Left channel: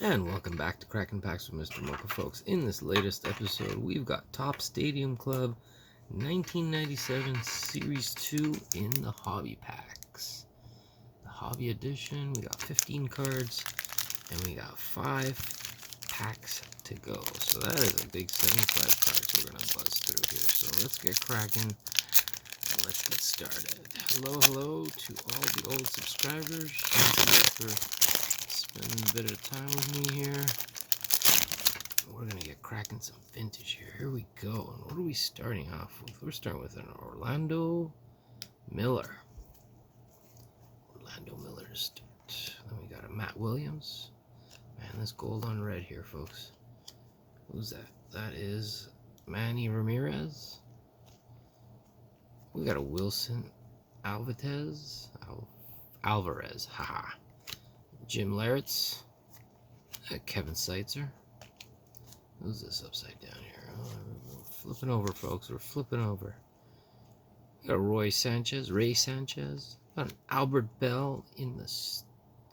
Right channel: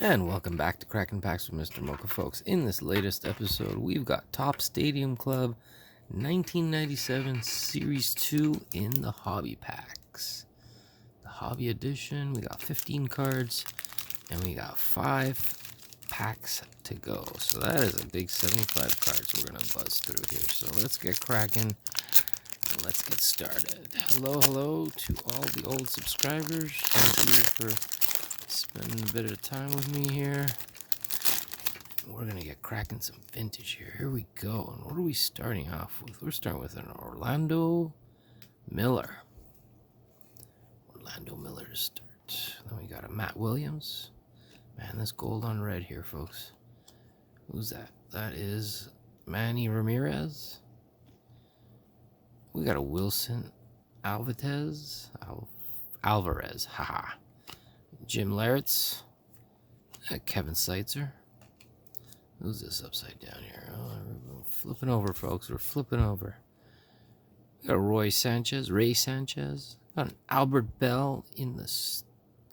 And welcome back to Cracking Packs with MrMocha, folks. In this latest episode, we've got Top Stadium Club 1997 Series 2 in the Hobby Packs. The Hobby Edition, we got 15 cards, and we got 5 packs to go. So that is a big 75 cards we're going to buzz through here. So let's get cracking, and let's get started. Hello to all the old subscribers. Thank you for spending a bit of time with me here. We're gonna get cracking some vintage here. Here we go. And what are we starting off with? We're starting with an Orlando Miller. Orlando Miller to start. Then we got a Matt Williams. Man, this gold on red here, folks. Who's that? That is Manny Ramirez. We got a Wilson Alvarez. Alvarez, haha. Jim Larritz. Kevin Seitzer. Who's this upside down here? Oh, we're flipping over, folks. We're flipping over. We got Ray Sanchez. Got an Albert Bell in the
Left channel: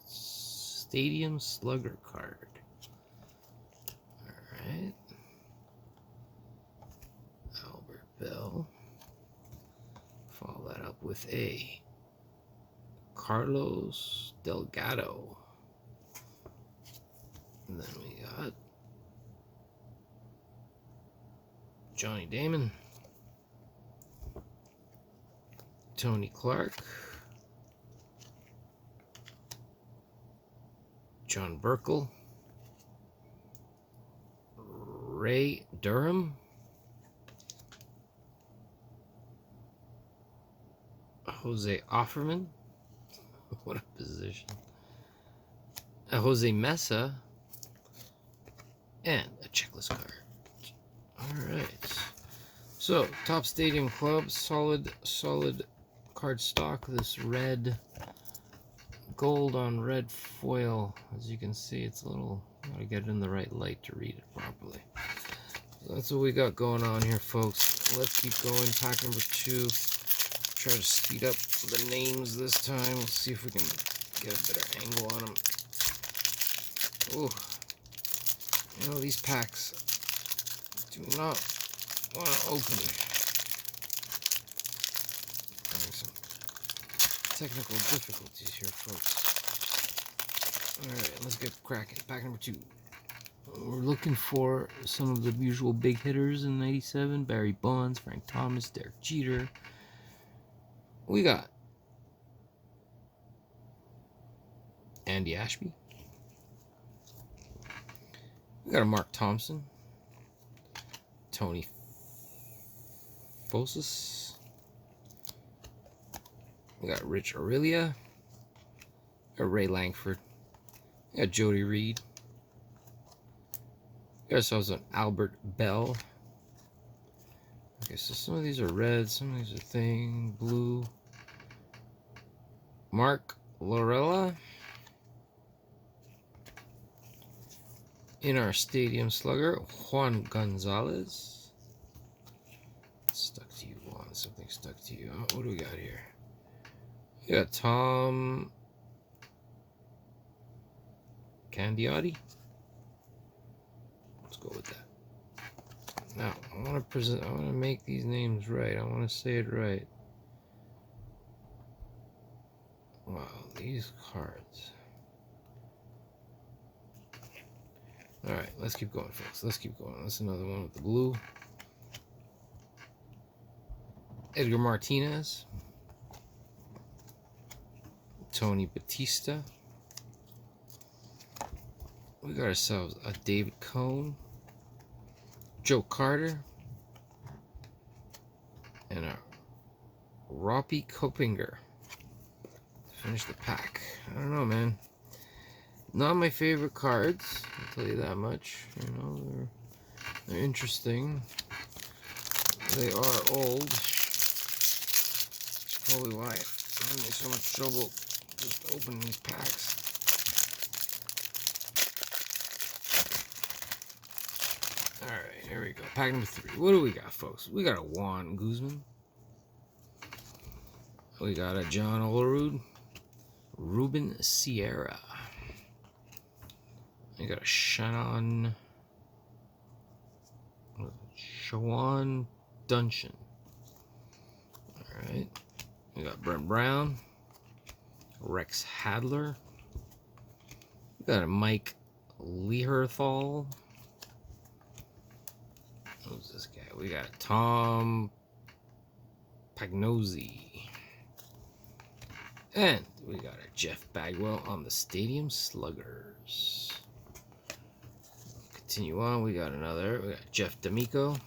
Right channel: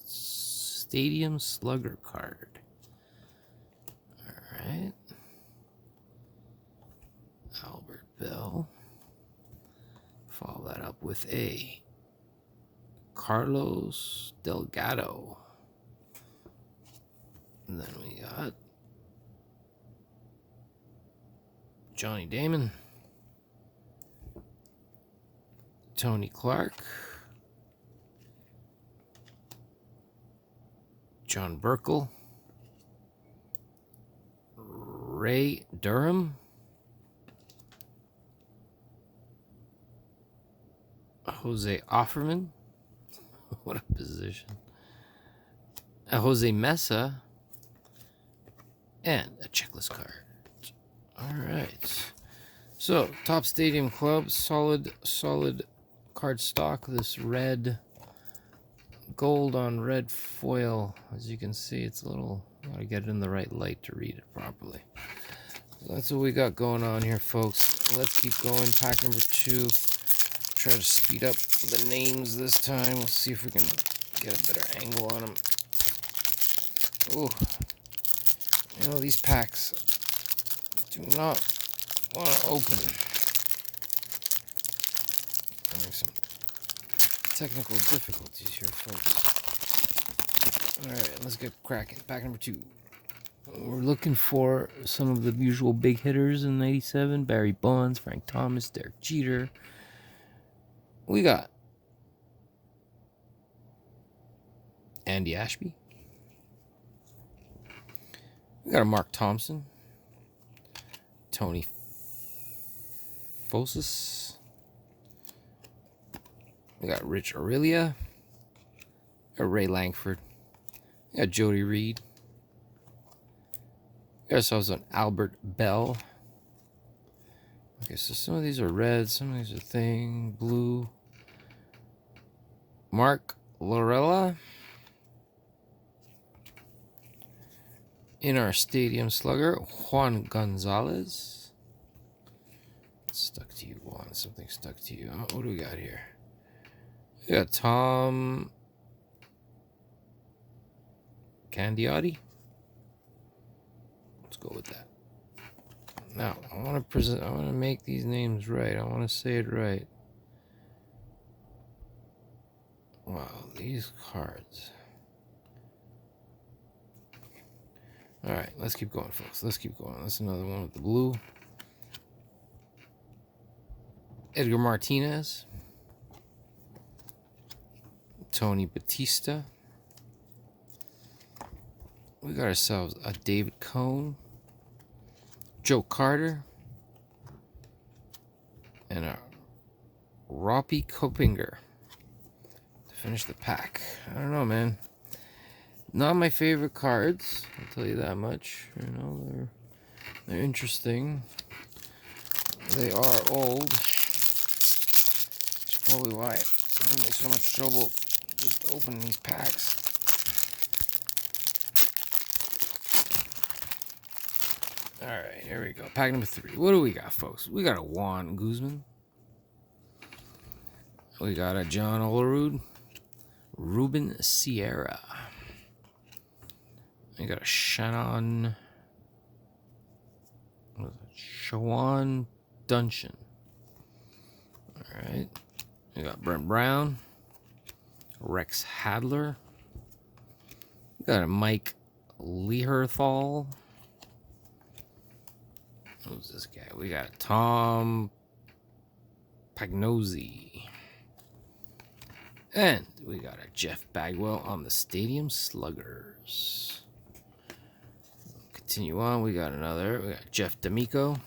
Stadium Slugger card. All right. Albert Bell. Follow that up with a Carlos Delgado. And then we got Johnny Damon, Tony Clark, John Burkle, Ray Durham, Jose Offerman. What a position. Jose Mesa, and a checklist card. All right. So, Top Stadium Club, solid card stock. This red, gold on red foil. As you can see, it's a little, gotta get it in the right light to read it properly. So that's what we got going on here, folks. Let's keep going. Pack number 2. Try to speed up the names this time. We'll see if we can get a better angle on them. Ooh. You know, these packs do not want to open. Having some technical difficulties here, folks. Alright, let's get cracking. Pack number 2. We're looking for some of the usual big hitters in 97. Barry Bonds, Frank Thomas, Derek Jeter. We got Andy Ashby. We got a Mark Thompson. Tony Fosis. We got Rich Aurelia. We got Ray Langford. We got Jody Reed. We got ourselves an Albert Bell. Okay, so some of these are red, some of these are blue. Mark Lorella. In our Stadium Slugger, Juan Gonzalez. Stuck to you, Juan. Something stuck to you. What do we got here? We got Tom Candiotti. Let's go with that. Now, I want to make these names right. I want to say it right. Wow, these cards. Alright, let's keep going, folks. Let's keep going. That's another one with the blue. Edgar Martinez. Tony Batista. We got ourselves a David Cohn. Joe Carter. And a Roppie Kopinger to finish the pack. I don't know, man. Not my favorite cards, I'll tell you that much. You know, they're interesting. They are old. That's probably why I'm having so much trouble just opening these packs. Alright, here we go. Pack number 3. What do we got, folks? We got a Juan Guzman. We got a John Olerud. Ruben Sierra. We got a Shawan Dungeon. Alright. We got Brent Brown. Rex Hadler. We got a Mike Leherthal. Who's this guy? We got Tom Pagnozzi. And we got a Jeff Bagwell on the Stadium Sluggers. Continue on. We got another. We got Jeff D'Amico.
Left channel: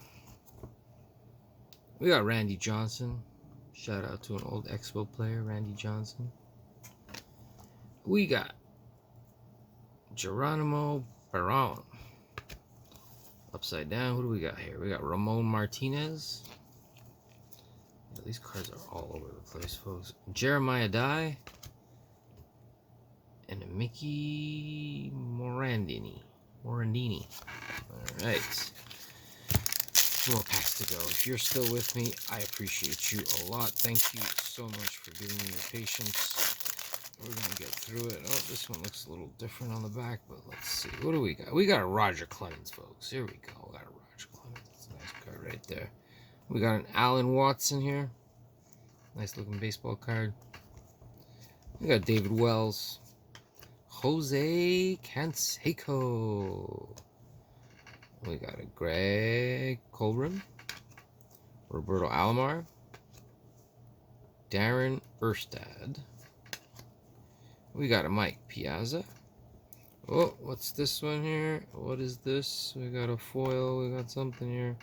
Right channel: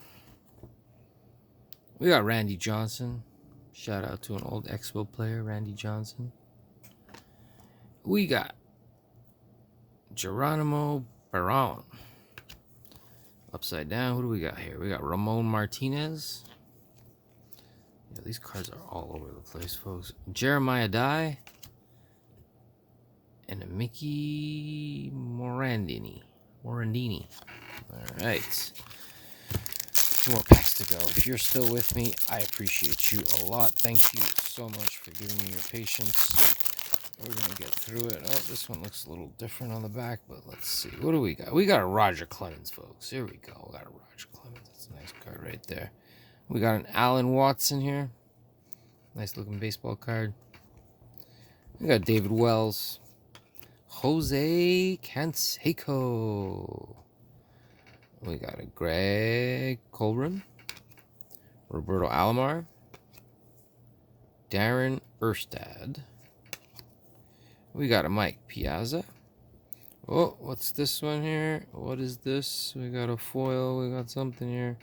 We got Randy Johnson. Shout out to an old Expo player, Randy Johnson. We got Geronimo Barron. Upside down, who do we got here? We got Ramon Martinez. Yeah, these cards are all over the place, folks. Jeremiah Dye. And a Mickey Morandini. Alright. More packs to go. If you're still with me, I appreciate you a lot. Thank you so much for giving me your patience. We're going to get through it. Oh, this one looks a little different on the back, but let's see. What do we got? We got a Roger Clemens, folks. Here we go. We got a Roger Clemens. That's a nice card right there. We got an Alan Watson here. Nice looking baseball card. We got David Wells. Jose Canseco. We got a Greg Colbrin. Roberto Alomar. Darren Erstad. We got a Mike Piazza. Oh, what's this one here? What is this? We got a foil. We got something here.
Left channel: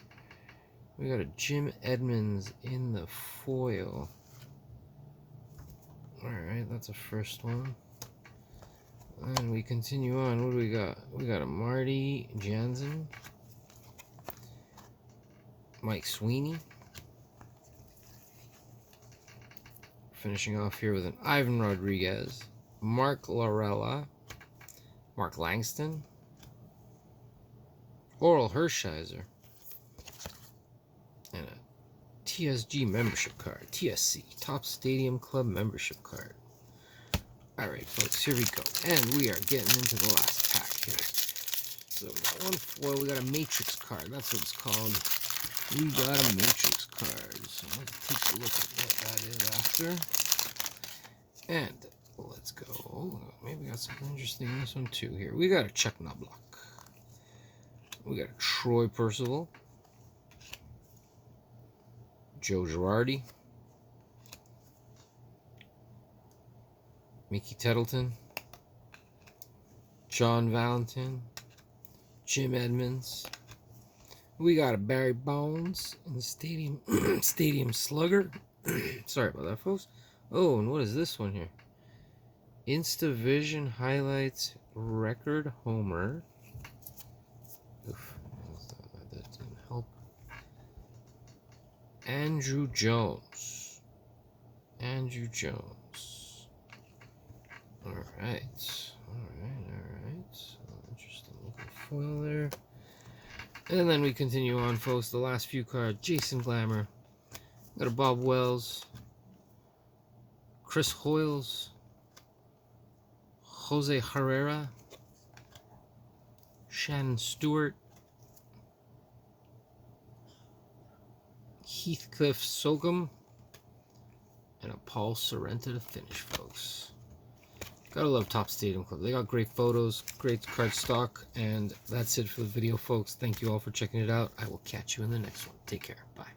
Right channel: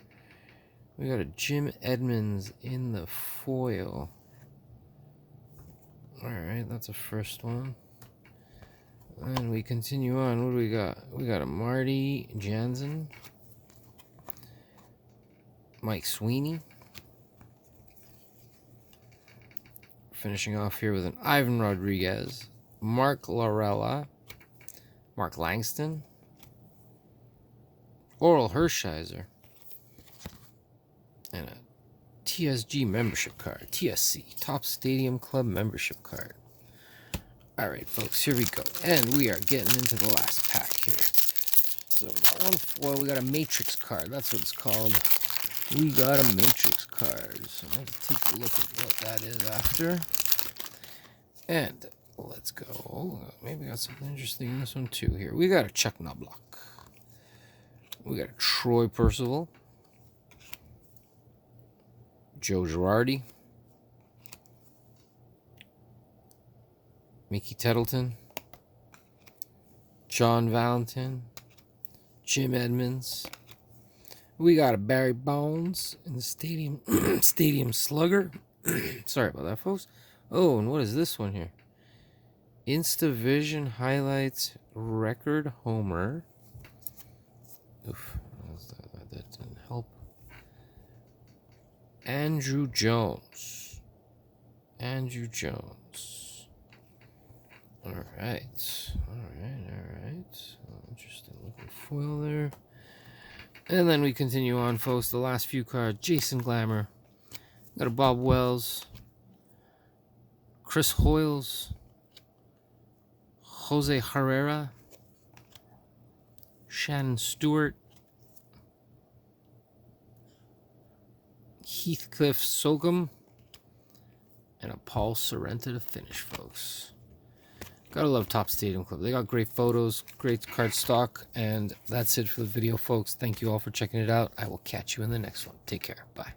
We got a Jim Edmonds in the foil. Alright, that's a first one. And we continue on. What do we got? We got a Marty Jansen. Mike Sweeney. Finishing off here with an Ivan Rodriguez. Mark Larella. Mark Langston. Oral Hershiser. And a TSG membership card. TSC. Top Stadium Club membership card. Alright, folks. Here we go. And we are getting into the last pack here. So we got one foil. We got a Matrix card. That's what it's called. We got a Matrix card. So let's take a look at what that is after. And let's go. Oh, maybe got something interesting in this one too here. We got a Chuck Knobloch. We got a Troy Percival. Joe Girardi. Mickey Tettleton. John Valentin. Jim Edmonds. We got a Barry Bonds in the Stadium Slugger. Sorry about that, folks. Oh, and what is this one here? InstaVision Highlights Record Homer. Oof, that didn't help. Andrew Jones. Alright. Interesting looking foil there. And then we continue on, folks. The last few cards. Jason Glamour. Got a Bob Wells. Chris Hoyles. Jose Herrera. Shannon Stewart. Heathcliff Sogum. And a Paul Sorrenta to finish, folks. Gotta love Top Stadium Club. They got great photos, great card stock, and that's it for the video, folks. Thank you all for checking it out. I will catch you in the next one. Take care. Bye.